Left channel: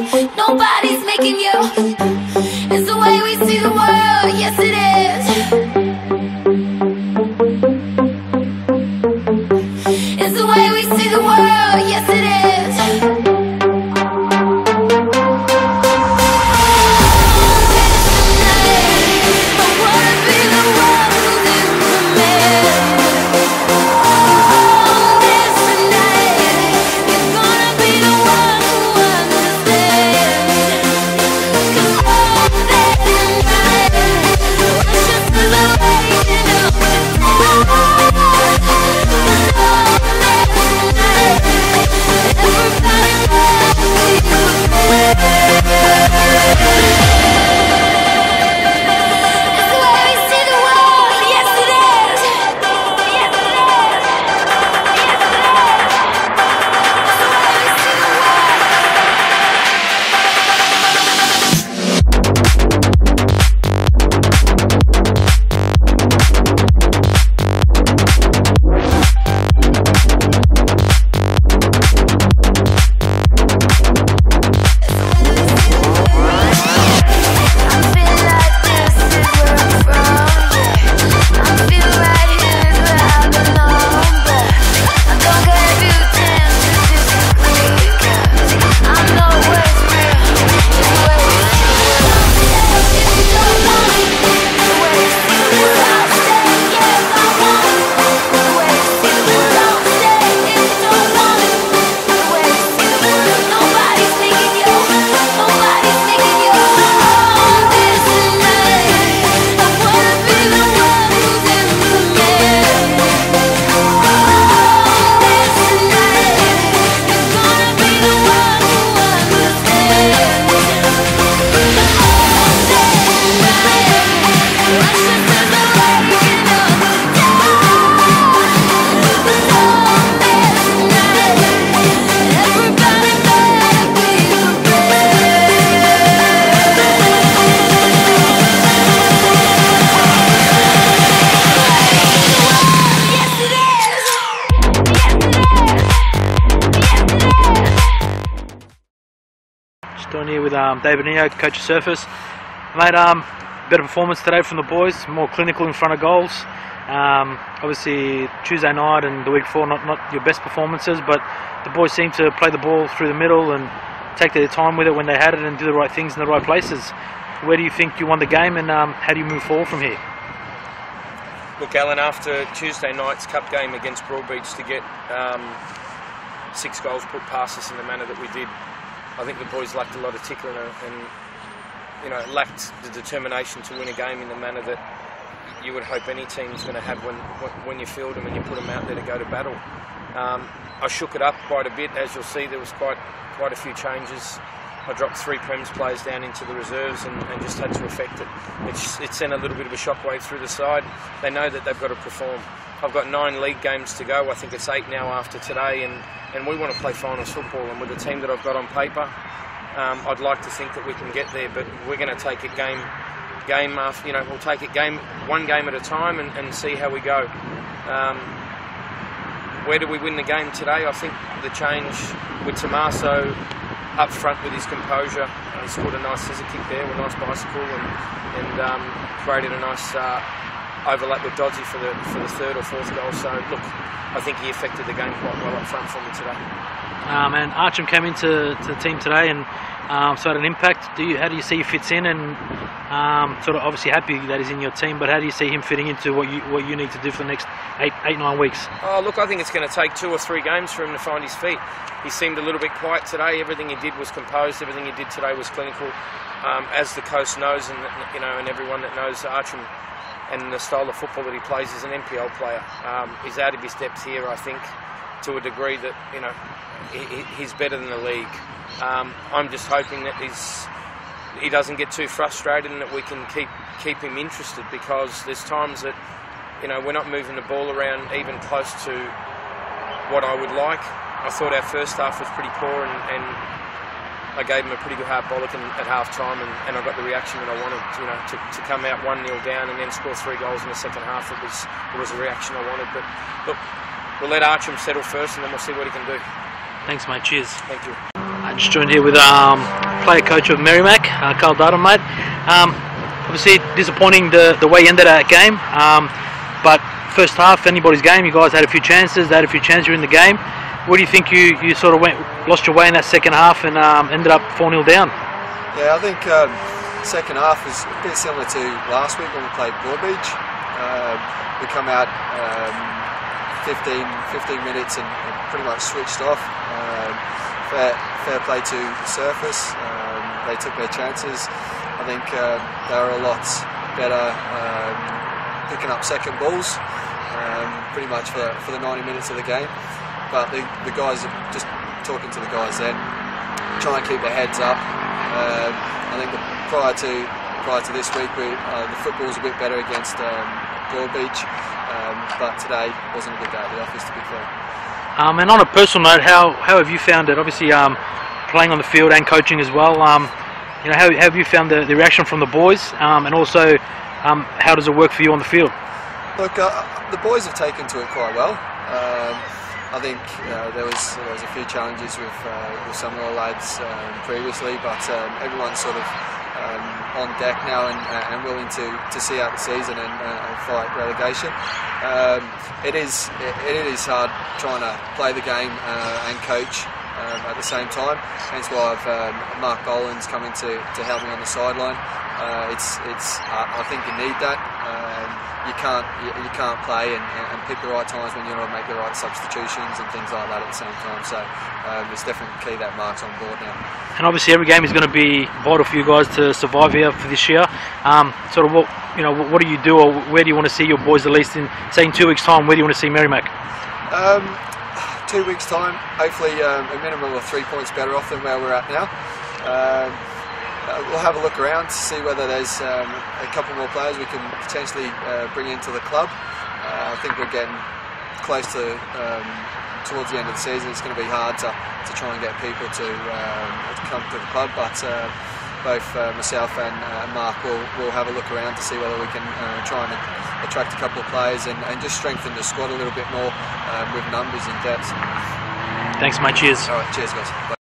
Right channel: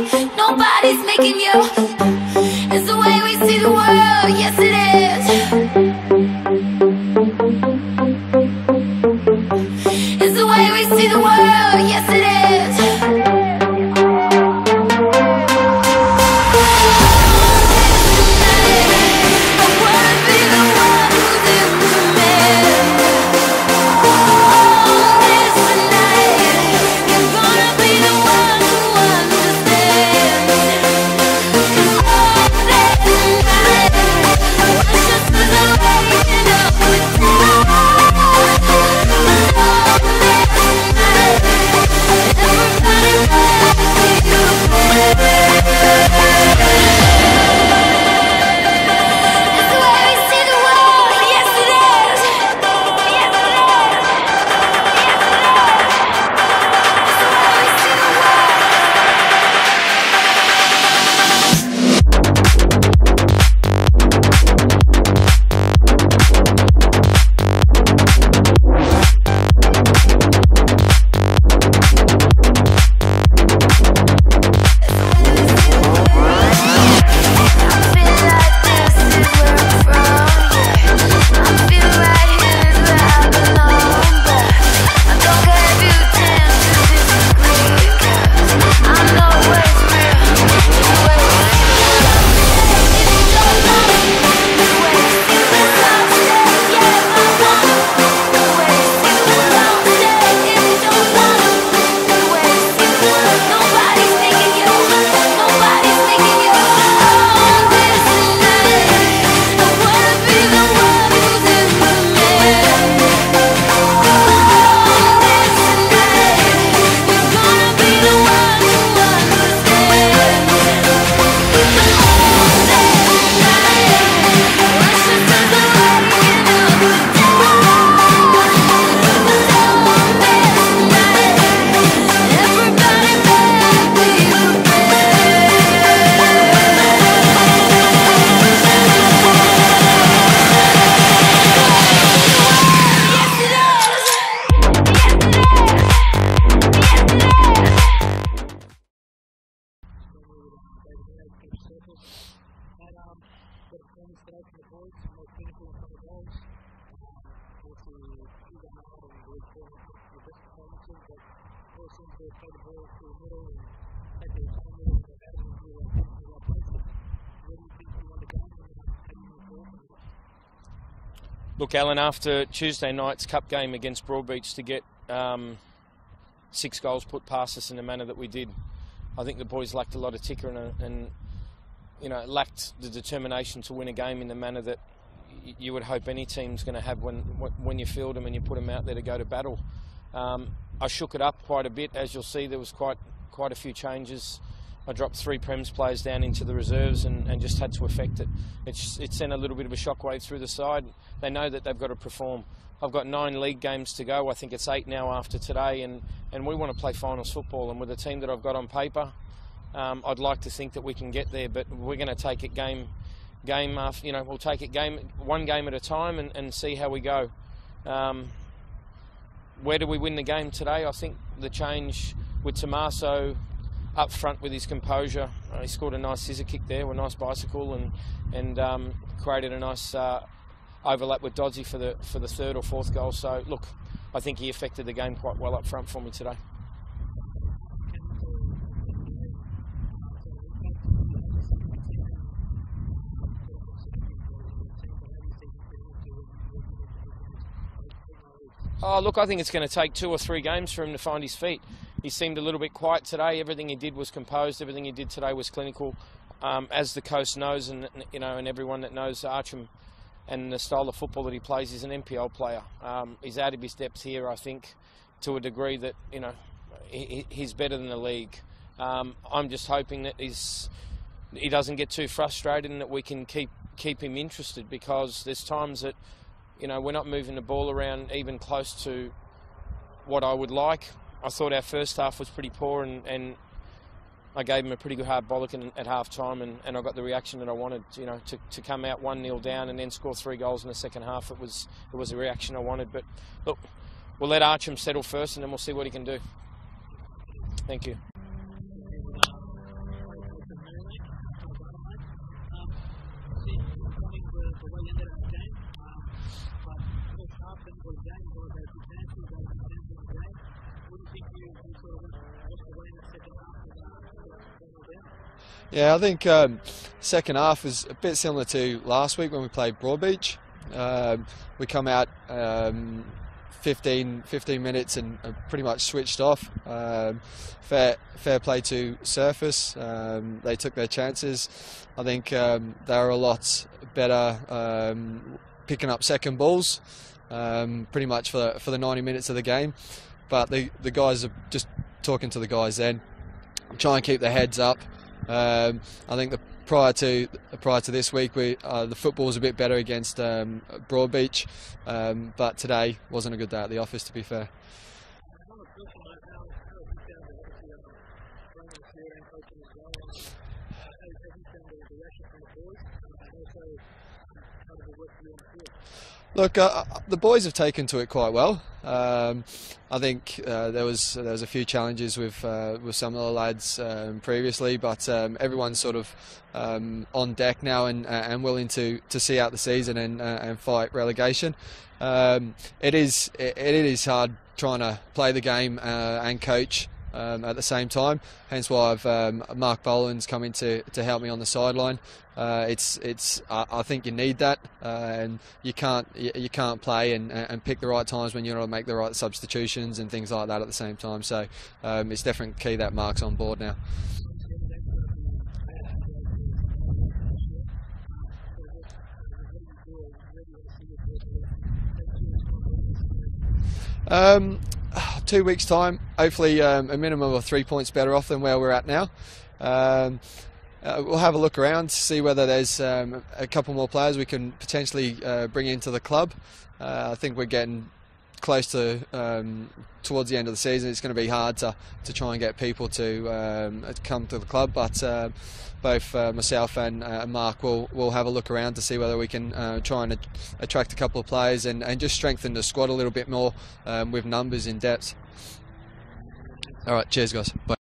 Nobody's making you. It's the way we see the world, yes it is. It's the way we see the world, yes it is. Down here with David Neo, coach of Surface. Mate, better performance today from the boys, more clinical in front of goals. Obviously Tuesday night and the week before not your best performances, but the boys seem to play the ball through the middle and take their time with it when they had it and do the right things in the right places. Where do you think you won the game, and how do you move forward from here? Look, Alan, after Tuesday night's cup game against Broadbeach, to get 6 goals put past us in the manner that we did, I think the boys lacked a lot of ticker and lacked the determination to win a game in the manner that you would hope any team's going to have when you field them and you put them out there to go to battle. I shook it up quite a bit. As you'll see, there was quite a few changes. I dropped 3 Prems players down into the reserves and just had to affect it. It sent a little bit of a shockwave through the side. They know that they've got to perform. I've got 9 league games to go. I think it's 8 now after today, and we want to play finals football. And with the team that I've got on paper, I'd like to think that we can get there. But we're going to take it game after. We'll take it one game at a time and see how we go. Where do we win the game today? I think the change with Tommaso up front with his composure. He scored a nice scissor kick there, a nice bicycle, and created a nice overlap with Doddsy for the 3rd or 4th goal. So look, I think he affected the game quite well up front for me today. And Archam came into the team today and so had an impact. How do you see he fits in, and sort of obviously happy that he's in your team, but how do you see him fitting into what you need to do for the next 8-9 weeks? Oh, look, I think it's going to take 2 or 3 games for him to find his feet. He seemed a little bit quiet today. Everything he did was composed. Everything he did today was clinical. As the coast knows, and everyone that knows Archam and the style of football that he plays, is an NPL player. He's out of his depth here, I think, to a degree that he's better than the league. I'm just hoping that he doesn't get too frustrated and that we can keep him interested, because there's times that we're not moving the ball around even close to what I would like. I thought our first half was pretty poor, and I gave him a pretty good hard bollock at half time, and I got the reaction that I wanted. To come out 1-0 down and then score 3 goals in the second half, it was the reaction I wanted. But look, we'll let Archam settle first, and then we'll see what he can do. Thanks, mate. Cheers. Thank you. I just joined here with player coach of Merrimac, Carl Darden, mate. Obviously disappointing the way you ended that game, but first half, anybody's game. You guys had a few chances. They had a few chances in the game. What do you think you sort of lost your way in that second half and ended up 4-0 down? Yeah, I think second half was a bit similar to last week when we played Broadbeach. We come out 15 minutes and pretty much switched off. Fair play to Surface. They took their chances. I think they were a lot better picking up second balls pretty much for the 90 minutes of the game. But the guys, just talking to the guys then, try and keep their heads up. I think prior to this week, the football was a bit better against Broadbeach, but today wasn't a good day at the office, to be fair. And on a personal note, how have you found it? Obviously, playing on the field and coaching as well. How have you found the reaction from the boys, and also how does it work for you on the field? Look, the boys have taken to it quite well. I think there was a few challenges with some of the lads previously, but everyone's sort of on deck now and willing to see out the season and fight relegation. It is hard trying to play the game and coach at the same time. Hence why I've Mark Boland's coming to help me on the sideline. I think you need that. You can't play and pick the right times when you want to make the right substitutions and things like that at the same time. So it's definitely key that Mark's on board now. And obviously every game is going to be vital for you guys to survive here for this year. Sort of what do you do, or where do you want to see your boys at least in, say, in 2 weeks' time? Where do you want to see Merrimac? 2 weeks' time, hopefully a minimum of 3 points better off than where we're at now. We'll have a look around to see whether there's a couple more players we can potentially bring into the club. I think we're getting close to towards the end of the season. It's going to be hard to try and get people to come to the club, but both myself and Mark will have a look around to see whether we can try and attract a couple of players and just strengthen the squad a little bit more with numbers and depth. Thanks, mate. Cheers. All right, cheers, guys. Bye.